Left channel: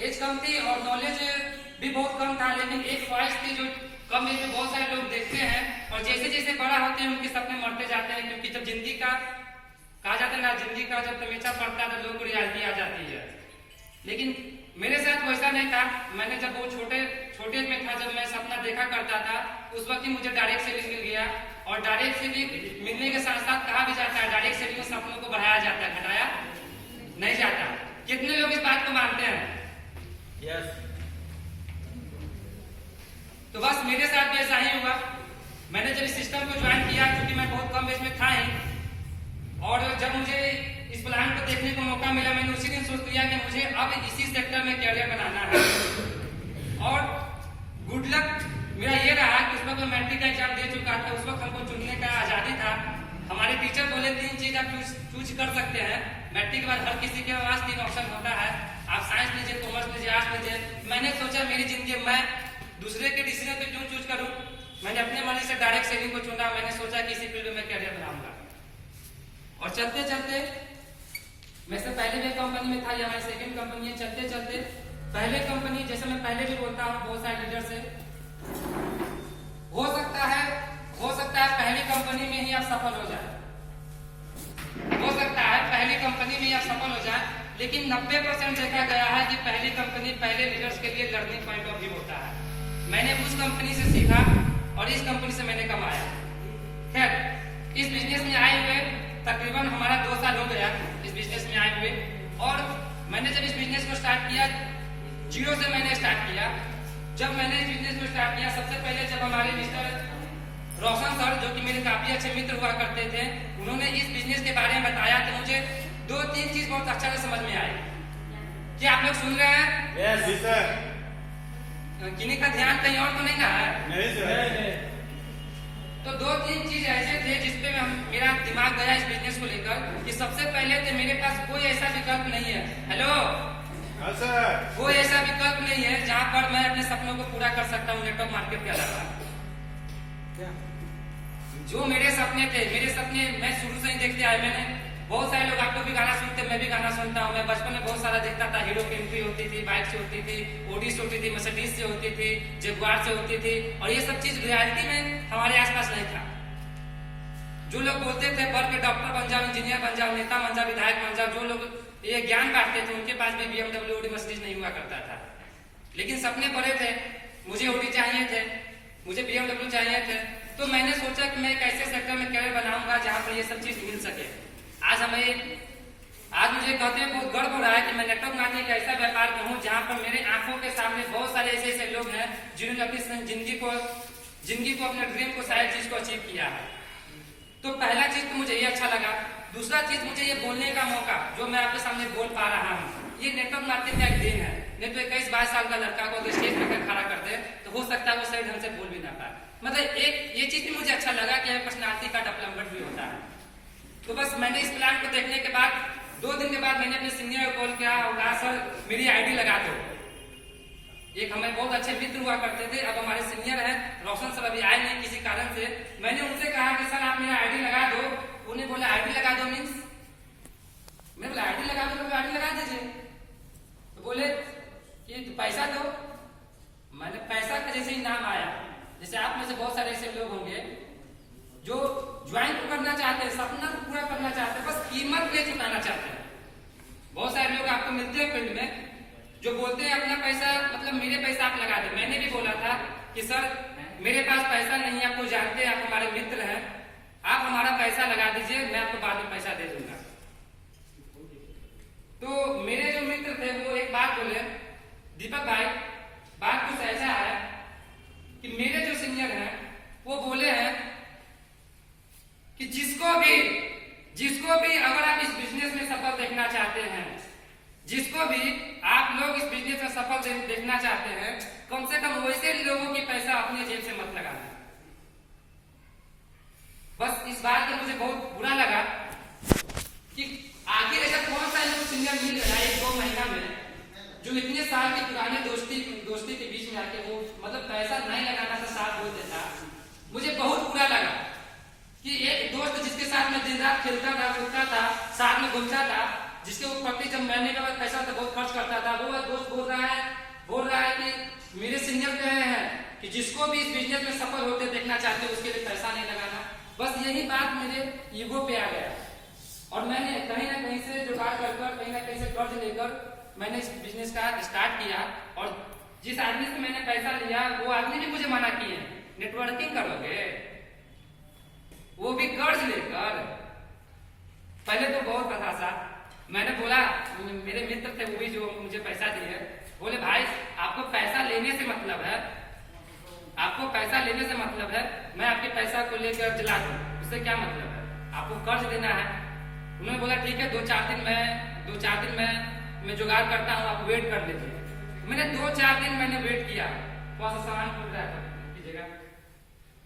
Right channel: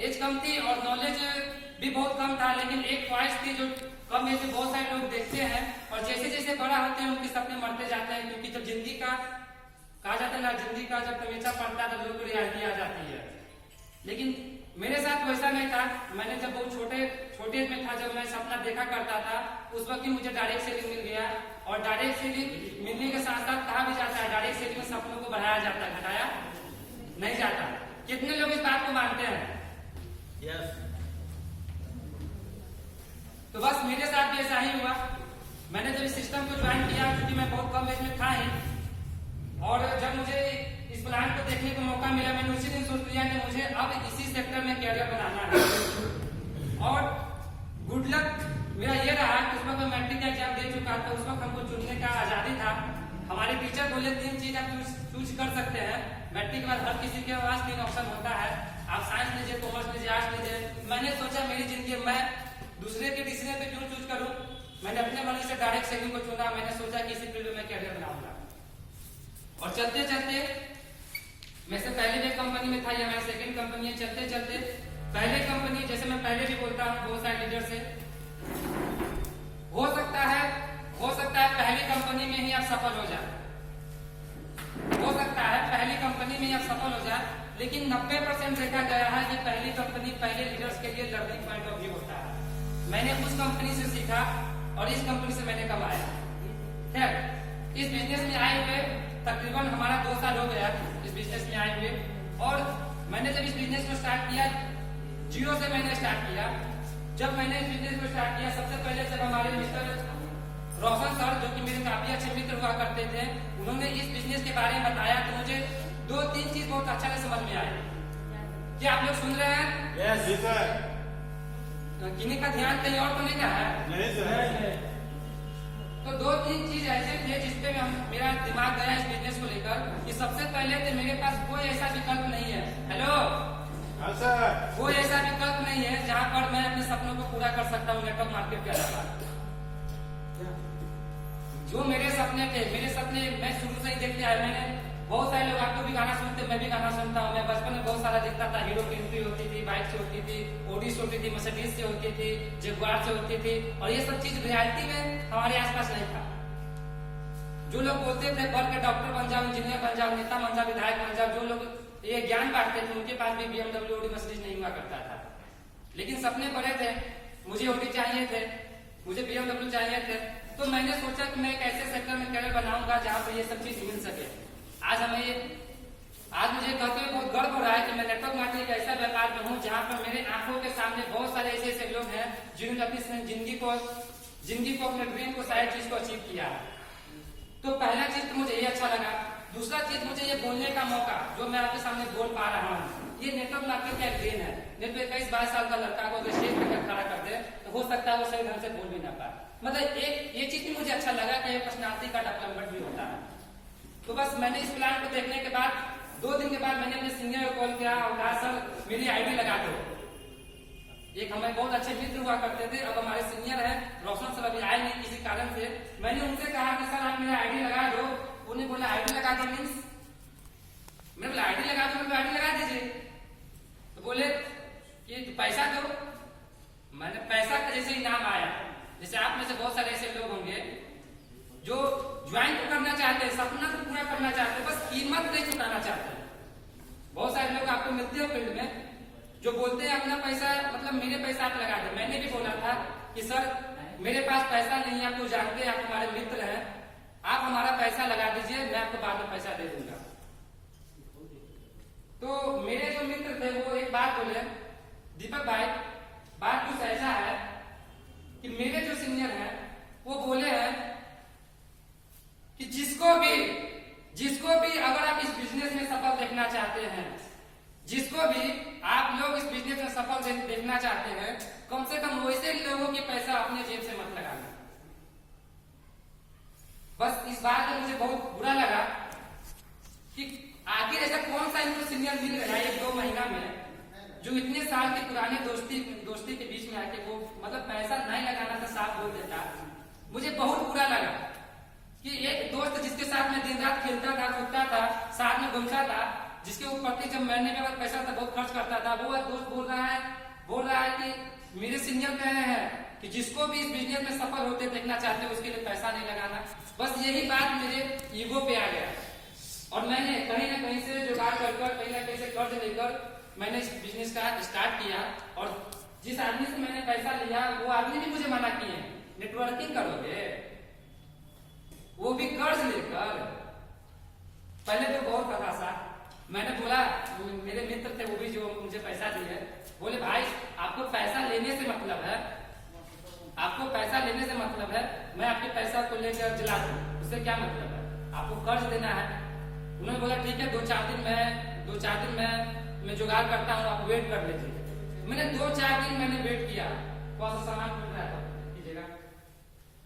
As कम थी और knowledge भी बहुत कम था, लेकिन एक ख्वाहिश थी जो कम एज में बहुत सारे लोग देखते हैं और जैसे जैसे बड़ा होते हैं उनके सपने मरते जाते हैं, क्योंकि जब जिंदगी का कहा जाता है ना, जिंदगी का जब तमीचा पड़ता है तो लोग को रियलिटी आ जाती है। लेकिन मेरे साथ वैसा नहीं था। मैंने जब बहुत छोटे में था, जब मैं सपना देखा करता था, उस वक्त ही मुझे डायरेक्ट सेलिंग मिल गया। और डायरेक्ट सेलिंग मिलने के साथ साथ कहा भी जाता है डायरेक्ट सेलिंग में सपनों को बढ़ाया जाता है, घटाया नहीं जाता। कितने लोग इस बात को मानते हैं? यस। तो बस मेरे साथ भी ऐसा ही हुआ। मैंने जब इस सिस्टम को ज्वाइन किया, क्योंकि मैं बहुत कम एज में था ही, और जब मुझे इस प्लान को देखने को मौका मिला, मैंने उसी दिन सोच लिया कि मुझे अब इसी सेक्टर में कैरियर बनाना है। और गुड लक मेरा ये रहा कि उस वक्त मैं मैट्रिक का एग्जाम दे चुका था। उस वक्त हमको चुनने का आजादी था। हमारे टीचर बोले 3 चीज आप चूज कर सकते हैं। मैट्रिक के बाद हर किसी के पास 3 ऑप्शन होता है, आप साइंस लीजिए, कॉमर्स लीजिए, आर्ट्स लीजिए। मैंने सोचा मेरी जिंदगी मैं दूसरे के डिसीजन पे क्यों चूज करूं। मैंने अपने मर्जी से डायरेक्ट सेलिंग को चुना। मैंने सोचा कि इसी फील्ड में मैं कैरियर बनाऊंगा। और चलते चलते मैं से पहले भी कंपनी में था, या मेरी सेकंड कंपनी है। चलते चलते पहले कंपनी, जैसे मैं पहले भी बोलता हूँ बहुत सारे लीडर से, हो सकता है पहली कंपनी में ही आप सफल हो जाए, हो सकता है पहली कंपनी में ही आप सफल हो जाए, लेकिन 90% देखा गया है कि पहली कंपनी पहले लीडर्स के लिए लर्निंग पॉइंट ऑफ व्यू होता है। मैंने उस कंपनी से सीखा और इस कंपनी से मैंने कमाया। खैर, इस बिजनेस में आए हुए तकरीबन हमारा 2 साल हो गया इस बिजनेस में आए हुए। और मैंने जब इस बिजनेस को स्टार्ट किया, 0 से मैंने स्टार्ट किया। जब मैंने इस बिजनेस को स्टार्ट किया, सबसे पहले जब हमारे मिस्टर रोशन सर, जो कि मेरे काफी अच्छे मित्र हुआ करते थे, उन्होंने इस बिजनेस के बारे में बताया तो मुझे 2-3 चीज बहुत अच्छा से समझ में आई। क्या आप लोग सुन रहे हैं? Yes sir. किन्हीं का ध्यान कहीं और तो नहीं ना है? नहीं सर। तो 2-3 चीज ऐसे थे जिसपे मेरा दिमाग गया इस बिजनेस को लेकर, कि सबसे पहले तो मेरे पास कोई ऐसा विकल्प नहीं है। Hello sir. कोई ऐसा विकल्प नहीं है जहाँ पर मैं अपने सपनों को पूरा कर सकता हूँ नेटवर्क मार्केट के अलावा। जो मेरे सपने थे, मैं शुरू से ही देखते आया। मैंने बहुत सारे लोग, आप लोग भी गाना सुनते, मैं भी गाना सुनता हूँ। मैं बचपन में बहुत सारा देखता था। हीरो की एंट्री होती थी, बाइक से होती थी, ओडी से होती थी, मर्सिडीज से होती थी, जगुआर से होती थी, और ये सब चीज रियलिटी में हमारे आसपास नहीं था। जो लोग बोलते थे बढ़ के डॉक्टर बन जाओ, इंजीनियर बन जाओ, नेता बन जाओ, विधायक बन जाओ, जो लोग ये ज्ञान बांटते थे, उनके पास भी BMW, ओडी, मर्सिडीज नहीं हुआ करता था। लेकिन सपने बड़े थे। मुझे ओडी चाहिए थे, मुझे BMW चाहिए थे। तो मैंने सोचा कि मैं एक ऐसे सेक्टर में कैरियर बनाऊंगा जहां पर ये सब चीज मिल सके। आज मुझे कहते हुए बहुत गर्व हो रहा है कि मैं नेटवर्क मार्केटिंग एक ऐसा व्यापार में हूँ जहां पर मेरे आंखों के सामने बहुत सारे ऐसे लोग हैं जिन्होंने अपनी जिंदगी को अपने ड्रीम को, सारी चीज को अचीव किया है। तो पहला चीज तो मुझे ये अच्छा लगा। दूसरा चीज, मुझे ये बोलने का मौका, जो मैं आपके सामने बोल पा रहा हूँ, ये नेटवर्क मार्केटिंग का एक देन है। नहीं तो 21-22 साल का लड़का को अगर स्टेज पर खड़ा कर दे तो हो सकता है वो सही ढंग से बोल भी ना पाए। मतलब एक ये चीज भी मुझे अच्छा लगा कि पर्सनालिटी का डेवलपमेंट भी होता है। तो बस मैंने इस प्लान को देखने के बाद 2 दिन के बाद मैंने अपने सीनियर को कॉल किया और कहा सर मेरी आईडी लगा दो। एक हमें बहुत अच्छे मित्र हुआ करते थे, अब हमारे सीनियर हैं, रोशन सर अभी आए नहीं किसी कारण से। मैंने उनसे कहा कि सर आप मेरा आईडी लगा दो। उन्हें बोला आईडी लगा दो मीन्स? मैंने बोला आईडी लगा दो, तो आईडी लगा दीजिए। तो बोले ये तो पैसा दो। मैंने पैसा का जैसे ही नाम आया, जैसे आप में से बहुत सारे ऐसे लोग होंगे जो ज्वाइन तो करना चाहते हैं, सपना तो पूरा करना चाहते हैं, बस कीमत नहीं चुकाना चाहते हैं। बहुत सारे लोग आपको मिलते हैं फील्ड में जो बोलते हैं अपना पैसा, मतलब मेरे पैसा आप लगा दे। मैंने भी बोला था कि सर मेरे पास पैसा नहीं है, आपको जानते हैं, आप हमारे मित्र हैं, आप हमारा पैसा लगा दीजिए, मैं आपको बाद में पैसा दे दूंगा। तो मेरे जो मित्र थे वो एक बात बोले, दीपक भाई बात कुछ ऐसा है कि मेरे जो सीनियर हैं वो बोले हैं कि जिसको भी अगर आप इस बिजनेस में सफल देखना चाहते हैं, जिसको भी आप लोग इस बिजनेस में सफल देखना चाहते हैं, कम से कम वैसे लोगों की पैसा अपने जेब से मत लगाना। बस इस बात का मुझे बहुत बुरा लगा कि आखिर ऐसा कौन सा इनको सीनियर मिल रहा है 1-2 महीना में, जो इतने साल की पुरानी दोस्ती के बीच में आके वो मतलब पैसा नहीं लगाना था, साथ बोल देता। मुझे बहुत बुरा लगा कि एक दोस्त जिसके साथ मैं दिन रात खेलता था, कूदता था, साथ में घूमता था, जिसके ऊपर जब मरने के बाद पैसा तो बहुत खर्च करता था, वो दोस्त बोल रहा है कि मेरे सीनियर कहे हैं कि जिसको भी इस बिजनेस में सफल होते देखना चाहते हो उसके लिए पैसा नहीं लगाना। बस यही बात मेरे ईगो पे आ गया और मैंने कहीं ना कहीं से जुगाड़ कर कहीं ना कहीं से कर्ज लेकर मैंने इस बिजनेस का स्टार्ट किया। और जिस आदमी से मैंने पैसा लिया वो आदमी भी मुझे मना किए, नेटवर्किंग करोगे, वो भी कर्ज लेकर। पहले तो बहुत हताशा, मैंने बोला, मेरे मित्र थे वो भी जो मुझे पैसा दिए, बोले भाई आपको पैसा लेने से मतलब है, आपको पैसा लेने से मतलब है, मैं आपके पैसा को लेकर जला दूं, उससे क्या मतलब है, आपको कर्ज देना है। उन्होंने बोला ठीक है, दो चार दिन मैं जुगाड़ करता हूँ, आप वेट कर लीजिए। मैंने 2-4 दिन मैंने वेट किया, थोड़ा सा सामान खुल रहा था कीजिएगा।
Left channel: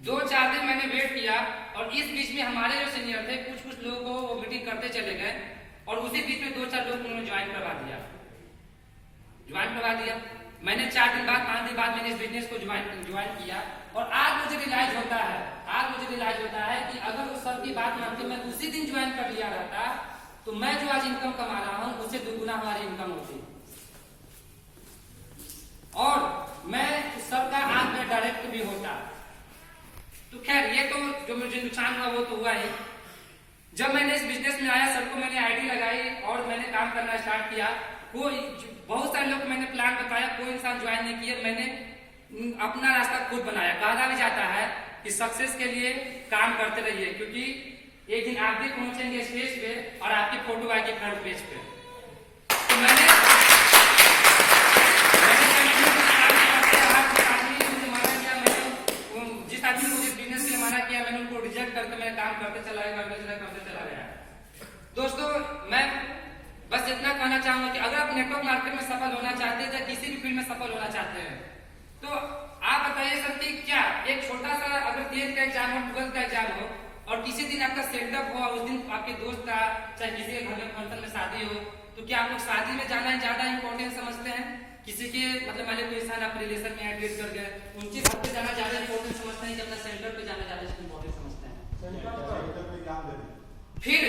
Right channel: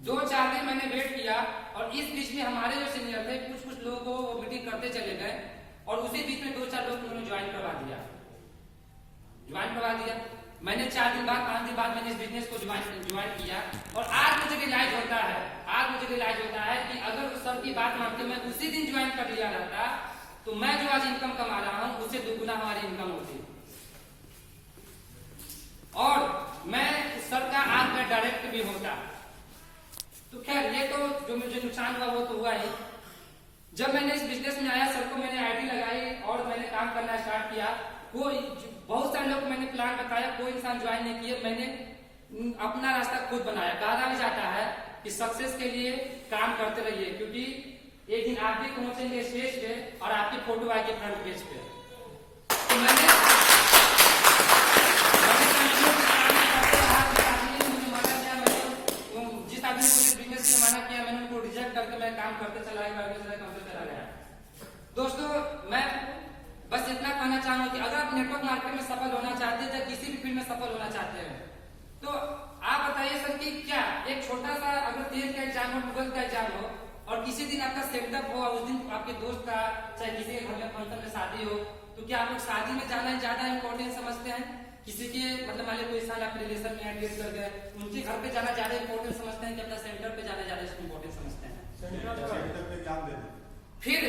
2-4 दिन मैंने वेट किया और इस बीच में हमारे जो सीनियर थे कुछ लोगों को वो मीटिंग करते चले गए और उसी बीच में 2-4 लोग उन्होंने ज्वाइन करवा दिया। मैंने 4 दिन बाद 5 दिन बाद मैंने इस बिजनेस को ज्वाइन किया और आज मुझे रियलाइज होता है कि अगर उस सब की बात मान के मैं उसी दिन ज्वाइन कर लिया रहता तो मैं जो आज इनकम कमा रहा हूं उससे दुगुना हमारी इनकम होती और मैं उस सर का आज मैं डायरेक्ट भी होता। तो खैर ये तो जो मुझे नुकसान हुआ वो तो हुआ ही। जब मैंने इस बिजनेस में आया, सर को मैंने आईडी लगाई और मैंने काम करना स्टार्ट किया। बहुत सारे लोग मैंने प्लान बताया, कोई इंसान ज्वाइन नहीं किया। मैंने अपना रास्ता खुद बनाया। कहा भी जाता है कि सक्सेस के लिए काम करते रहिए, क्योंकि एक दिन आप भी पहुंचेंगे स्टेज पे और आपकी फोटो आएगी फ्रंट पेज पे। तो मैंने जिस आदमी को इस बिजनेस के लिए मना किया मैंने उनको रिजेक्ट करके मैं काम करते चला गया। दोस्तों मैं बस इतना कहना चाहूंगा कि अगर आप नेटवर्क मार्केट में सफल होना चाहते हैं या किसी भी फील्ड में सफल होना चाहते हैं तो आप बताइए सर कि क्या एक छोटा सा अगर 10th का एग्जाम हो, 12th का एग्जाम हो और किसी दिन आपका सेटअप हो, उस दिन आपके दोस्त का चाहे किसी के घर में फंक्शन में शादी हो, तो क्या आप लोग शादी में जाना ज्यादा इंपॉर्टेंट समझते हैं? किसी के मतलब मान लीजिए कोई इंसान आप रिलेशन में एड कर गए, उनके घर पे जाना ज्यादा इंपॉर्टेंट समझते हैं कि अपना सेंटर पे जाना ज्यादा इंपॉर्टेंट समझते हैं? फिर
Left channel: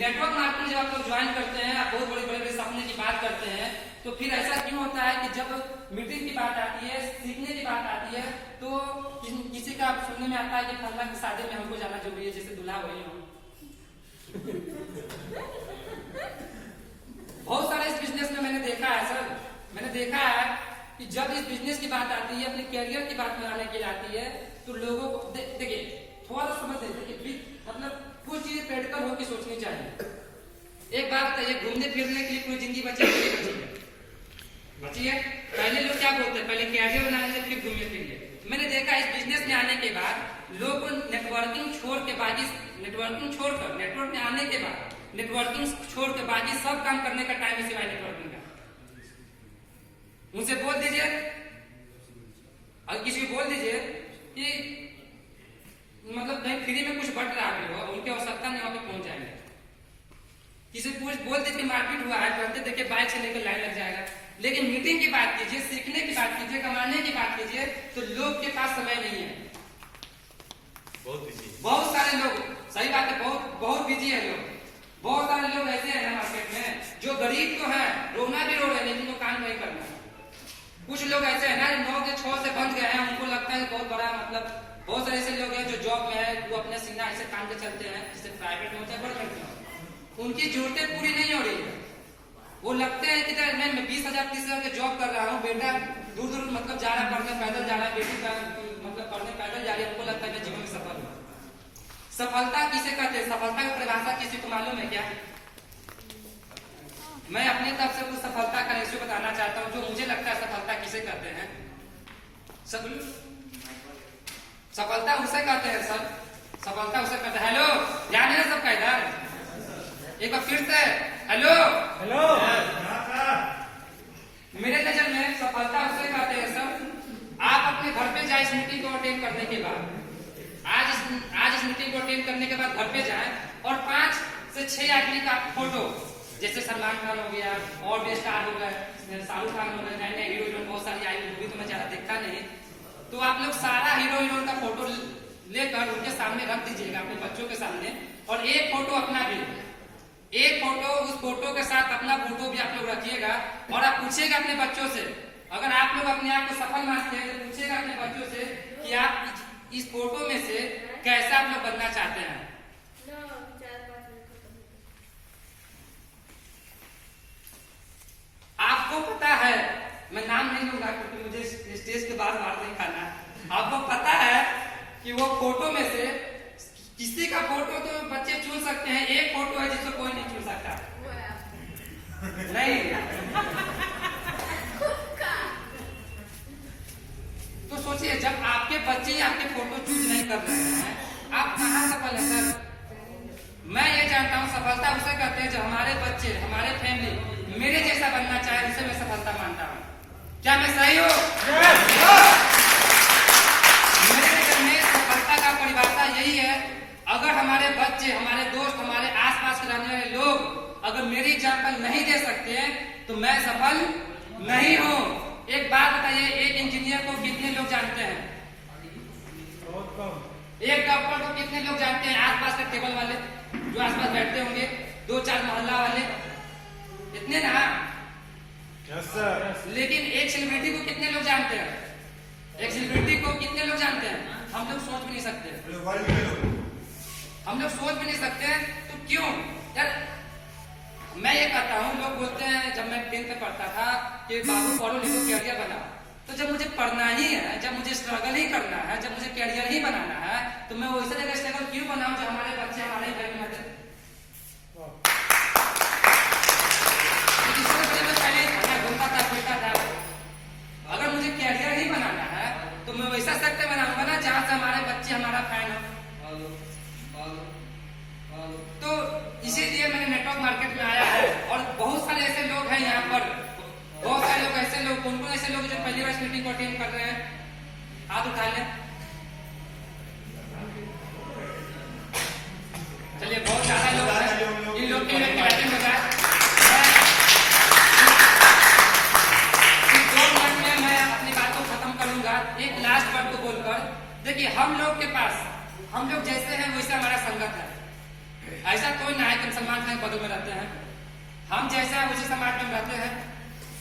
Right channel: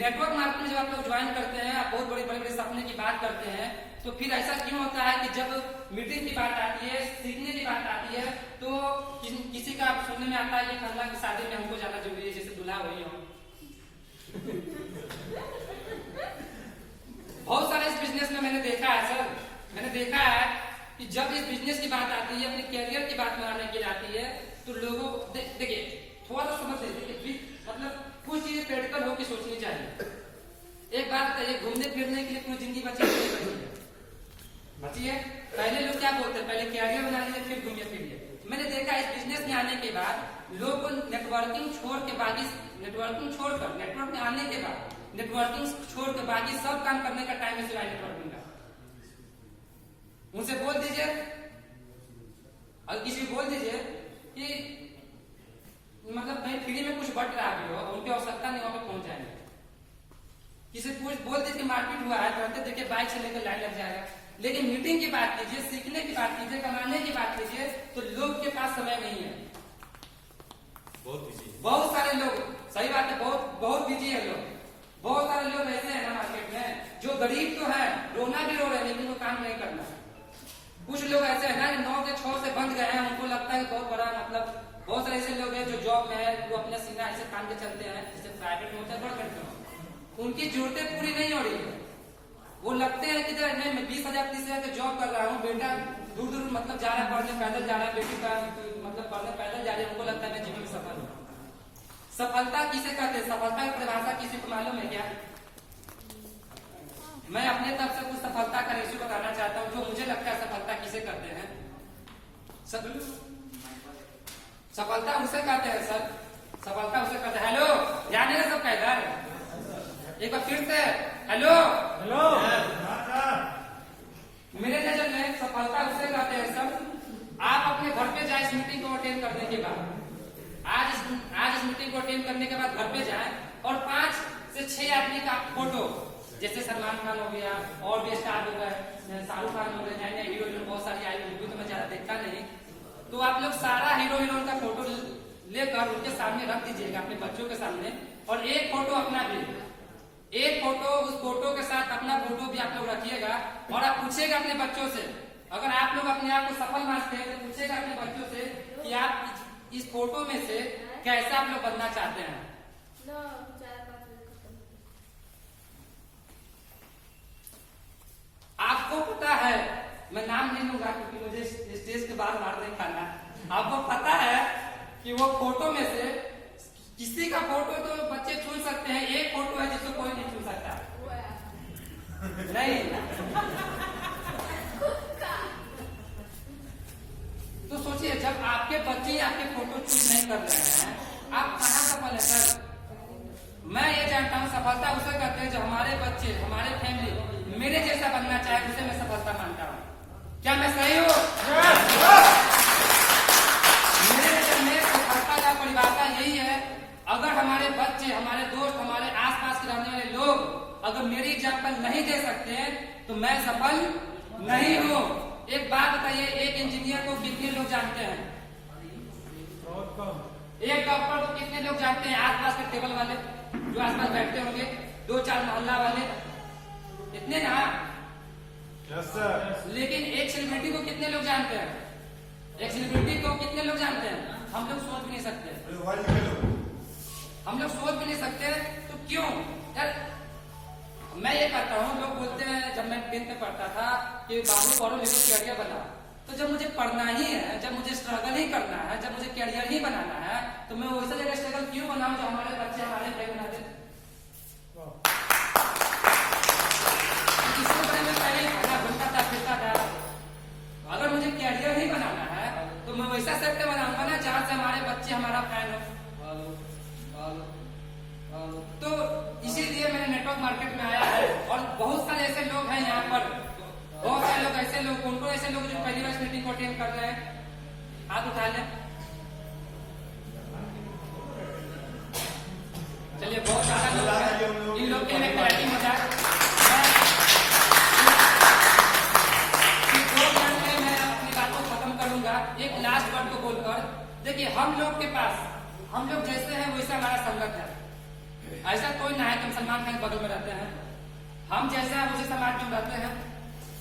नेटवर्क मार्केटिंग जब आप लोग ज्वाइन करते हैं, आप बहुत बड़े सपने की बात करते हैं, तो फिर ऐसा क्यों होता है कि जब मीटिंग की बात आती है, सीखने की बात आती है, तो किसी का सुनने में आता है कि फल्ला की शादी में हमको जाना जरूरी है, जैसे दूल्हा वही हो। बहुत सारे इस बिजनेस में मैंने देखा है सर, मैंने देखा है कि जब इस बिजनेस की बात आती है, अपने कैरियर की बात बनाने के लिए आती है, तो लोगों को देखिए थोड़ा सा समझ देखिए, मतलब कुछ चीजें प्रैक्टिकल होकर सोचनी चाहिए। एक बात बताइए, घूमने फिरने के लिए कोई जिंदगी बची है? पहले लोग क्या बोलते हैं, पहले कैरियर बनाएंगे फिर घूमने फिरिए। मैंने देखा इस बिजनेस में आने के बाद लोग नेटवर्किंग छोड़कर नेटवर्क में आने के बाद नेटवर्किंग छोड़ के बाकी सब काम करने का टाइम है सिवाय नेटवर्किंग का। उनसे बोल दीजिए, और किसी को बोल दीजिए कि मतलब कहीं फ्री में कुछ बट रहा भी हो, उनकी आवश्यकता नहीं, वहां पे पहुंच जाएंगे। किसी को बोल दीजिए मार्केट हुआ है, तुरंत देखिए बाइक से लेकर लाइन लग जाएगा। लेकिन मीटिंग की बात कीजिए, सीखने की बात कीजिए, कमाने की बात कीजिए, तो लोग के पास समय नहीं है। बहुत सारे लोग, सही बात है, बहुत बिजी है लोग। बहुत सारे लोग ऐसे हैं मार्केट में जो गरीब तो है, रोना भी रो रहे हैं, लेकिन वो काम नहीं करना। कुछ लोग ऐसे है ना 9 से 6 से बंद गए हैं, उनको लगता है बहुत बड़ा, मतलब बहुत सारे ऐसे लोग हैं जो जॉब में है, वो अपने सीना ऐसे काम के चलते हैं, जैसे प्राइवेट में होता है, गवर्नमेंट में, उनकी जरूरतें पूरी नहीं हो रही है। वो लगते हैं कि नहीं मैं 20,000 30,000 के जॉब कर रहा हूँ, बेटा दूर मतलब जा रहा है पढ़ने, पैदल जा रहा है, बेटी मतलब पढ़ने पैदल जा रही है, उनको लगता है मैं जीवन में सफल हूँ। सफलता किसे कहते हैं? सफलता की परिभाषा किसी को मालूम है क्या? मैं अपने तरफ से कुछ सफलता का रेशियो बताना चाहता हूँ, जो मुझे लगता है सफलता किसे कहते हैं। सफलता उसे कहते हैं सर, सफलता उसे कहते हैं। हेलो, ध्यान है सबका इधर, एक बार फिर से हेलो। मेरे नजर में सफलता उसे कहते हैं सर, आप अपने घर पे जाए इस मीटिंग को अटेंड करने के बाद, आज इस मीटिंग को अटेंड करने के बाद घर पे जाए और 5 से 6 आदमी का फोटो, जैसे सलमान खान हो गया और भी स्टार हो गए, शाहरुख खान हो गए, नए हीरो हीरोइन बहुत सारी आई, मूवी तो मैं ज्यादा देखा नहीं, तो आप लोग सारा हीरो हीरोइन का फोटो लेकर उनके सामने रख दीजिएगा, अपने बच्चों के सामने, और एक फोटो अपना भी। एक फोटो, उस फोटो के साथ अपना फोटो भी आप लोग रखिएगा और आप पूछिएगा अपने बच्चों से, अगर आप लोग अपने आप को सफल मानते हैं तो पूछिएगा अपने बच्चों से कि आप इस फोटो में से कैसा आप लोग बनना चाहते हैं। आपको पता है, मैं नाम नहीं लूंगा क्योंकि मुझे स्टेज के बाद मार नहीं खाना है। आपको पता है कि वो फोटो में से किसी का फोटो तो बच्चे चुन सकते हैं, एक फोटो है जिसको कोई नहीं चुन सकता। नहीं तो सोचिए, जब आपके बच्चे आपके फोटो चूज नहीं कर रहे हैं, आप कहाँ सफल है सर? मैं ये जानता हूँ सफलता उसे कहते हैं जो हमारे बच्चे, हमारे फैमिली मेरे जैसा बनना चाहे, उसे मैं सफलता मानता हूँ। क्या मैं सही हूँ? मेरे नजर में सफलता का परिभाषा यही है, अगर हमारे बच्चे, हमारे दोस्त, हमारे आसपास के रहने वाले लोग अगर मेरी एग्जाम्पल नहीं दे सकते हैं तो मैं सफल नहीं हूँ। एक बात बताइए, एक इंजीनियर को कितने लोग जानते हैं? एक डॉक्टर को कितने लोग जानते हैं? आसपास के टेबल वाले जो आसपास बैठते होंगे, 2-4 मोहल्ला वाले, इतने ना। Yes sir. लेकिन एक सेलिब्रिटी को कितने लोग जानते हैं? एक सेलिब्रिटी को कितने लोग जानते हैं? हम लोग सोच भी नहीं सकते, हम लोग सोच भी नहीं सकते। तो क्यों यार? मैं ये कहता हूँ, लोग बोलते हैं, जब मैं 10th में पढ़ता था कि बाबू पढ़ो लिखो कैरियर बनाओ, तो जब मुझे पढ़ना ही है, जब मुझे स्ट्रगल ही करना है, जब मुझे कैरियर ही बनाना है, तो मैं वैसे जगह स्ट्रगल क्यों बनाऊं जो हमारे बच्चे हमारे ही घर में आते? पहले खाना घूमता था, फिरता था। अगर मुझे कैरियर ही बनाना है तो मैं वैसा सेक्टर बनाऊंगा ना जहाँ से हमारे बच्चे हमारा फैन हो। तो इसीलिए मैंने नेटवर्क मार्केट में आया है और बहुत सारे ऐसे लोग हैं यहाँ पर, बहुत सारे लोग ऐसे लोग, कौन कौन ऐसे लोग जो पहली बार मीटिंग को अटेंड कर रहे हैं, हाथ उठा लें। चलिए, बहुत ज्यादा लोग हैं, इन लोग के लिए क्लैपिंग हो जाए। 2 मिनट में मैं अपनी बात को खत्म करूंगा एक लास्ट वर्ड को बोलकर। देखिए, हम लोग के पास, हम लोग जैसे हैं वैसा हमारा संगत है। ऐसा कोई ना है कि हम सलमान खान के बगल में रहते हैं, हम जैसा उसी समाज में रहते हैं।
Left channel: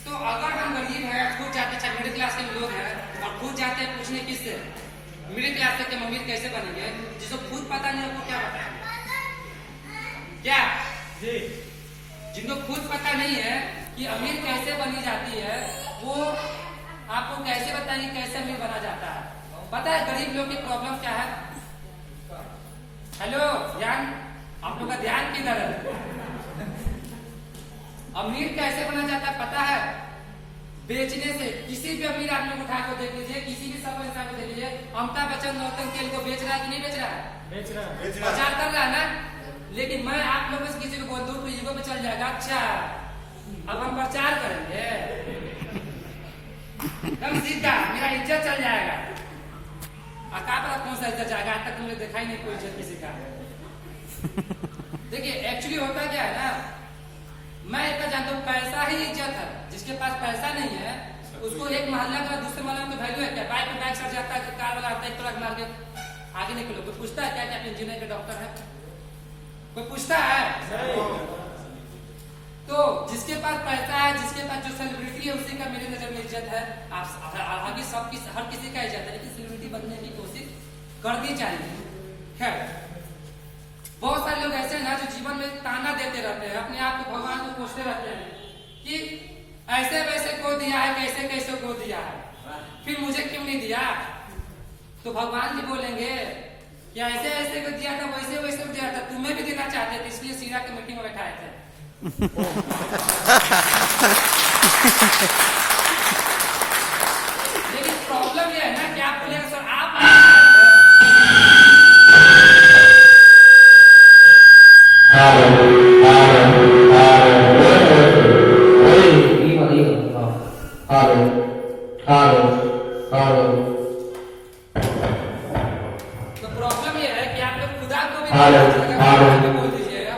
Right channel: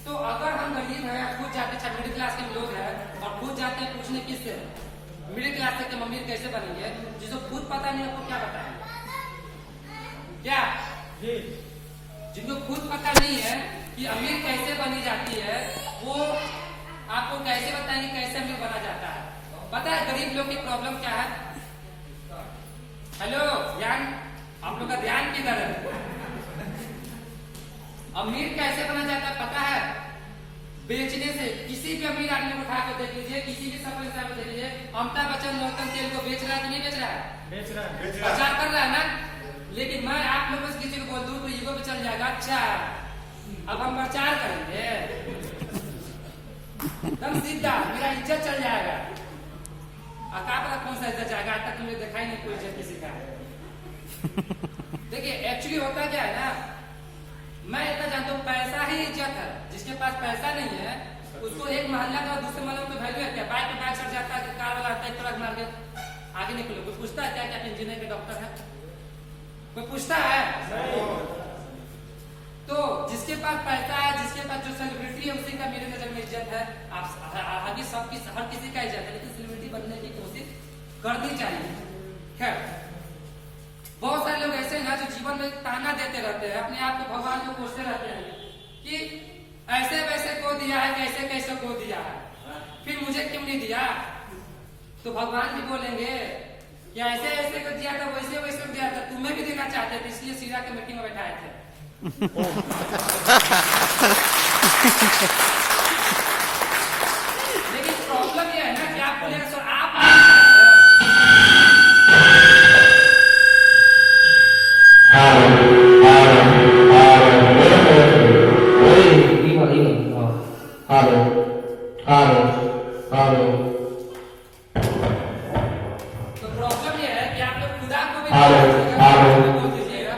तो अगर हम गरीब हैं, खुद जाते, अच्छा मिडिल क्लास के लोग हैं और खुद जाते हैं पूछने किससे, मिडिल क्लास के अमीर कैसे बनेंगे, जिसको खुद पता नहीं है वो क्या बताएंगे? क्या जी? जिनको खुद पता नहीं है कि अमीर कैसे बनी जाती है, वो आपको कैसे बताएंगे कैसे अमीर बना जाता है? पता है गरीब लोग की प्रॉब्लम क्या है? हेलो, ध्यान, आप लोग का ध्यान किधर है? अमीर कैसे बना जाता है पता है? बेचने से। किसी भी अमीर आदमी को उठा कर देख लीजिए, किसी भी सफल इंसान को देख लीजिए, अमिताभ बच्चन नौतन तेल को बेच रहा है कि नहीं बेच रहा है? बेच रहा है, प्रचार कर रहा है ना। लेकिन मैं आप लोगों से किसी को बोल दूं तो ईगो पे चल जाएगा, अच्छा अब हम प्रचार करेंगे, एकदम सीधा मेरा इज्जत चल जाएगा। क्या पता कौन सा इज्जत जाएगा, आज तक तुमने देखा ही नहीं कोई इज्जत किसी का। देखिए, एक्चुअली होता क्या है ना, मैं इतना जानता हूँ, पैसा ही इज्जत है। जिसके पास पैसा नहीं है उसको एक मोहल्ला का दूसरे मोहल्ले में तो वैल्यू है क्या? बाइक पे बैग सड़ जाता है, कार वाला आता है, एक ट्रक मार के आगे निकलो, कोई पूछता है क्या कि आप इंजीनियर के डॉक्टर है? कोई पूछता है? तो जिसके पास पैसा है, जिसके पास जो सेलिब्रिटी है, उसी का मेरे नजर में इज्जत है। आप आगे सबकी, हर किसी का इज्जत है, लेकिन सेलिब्रिटी बनने की कोशिश करनी चाहिए। खैर, बहुत सारे लोग ऐसे हैं जो जीवन में ताना देते रहते हैं, अपने आप को भगवान को कोसते रहते हैं कि ऐसे वैसे को दिया है, कैसे कैसे को दिया है, फिर मुझे क्यों नहीं दिया? तो भगवान भी बोलेंगे कि ऐसे ऐसे को दिया था, वैसे वैसे को दिया था, तुम्हें भी देना चाहते थे, इसलिए सीरा की मीटिंग में बैठाए थे। लेकिन प्रॉब्लम यह है ना कि आप बोलेंगे सर आप तो प्रॉब्लम यह है कि आप लोग खुदा को भी बोल दीजिएगा।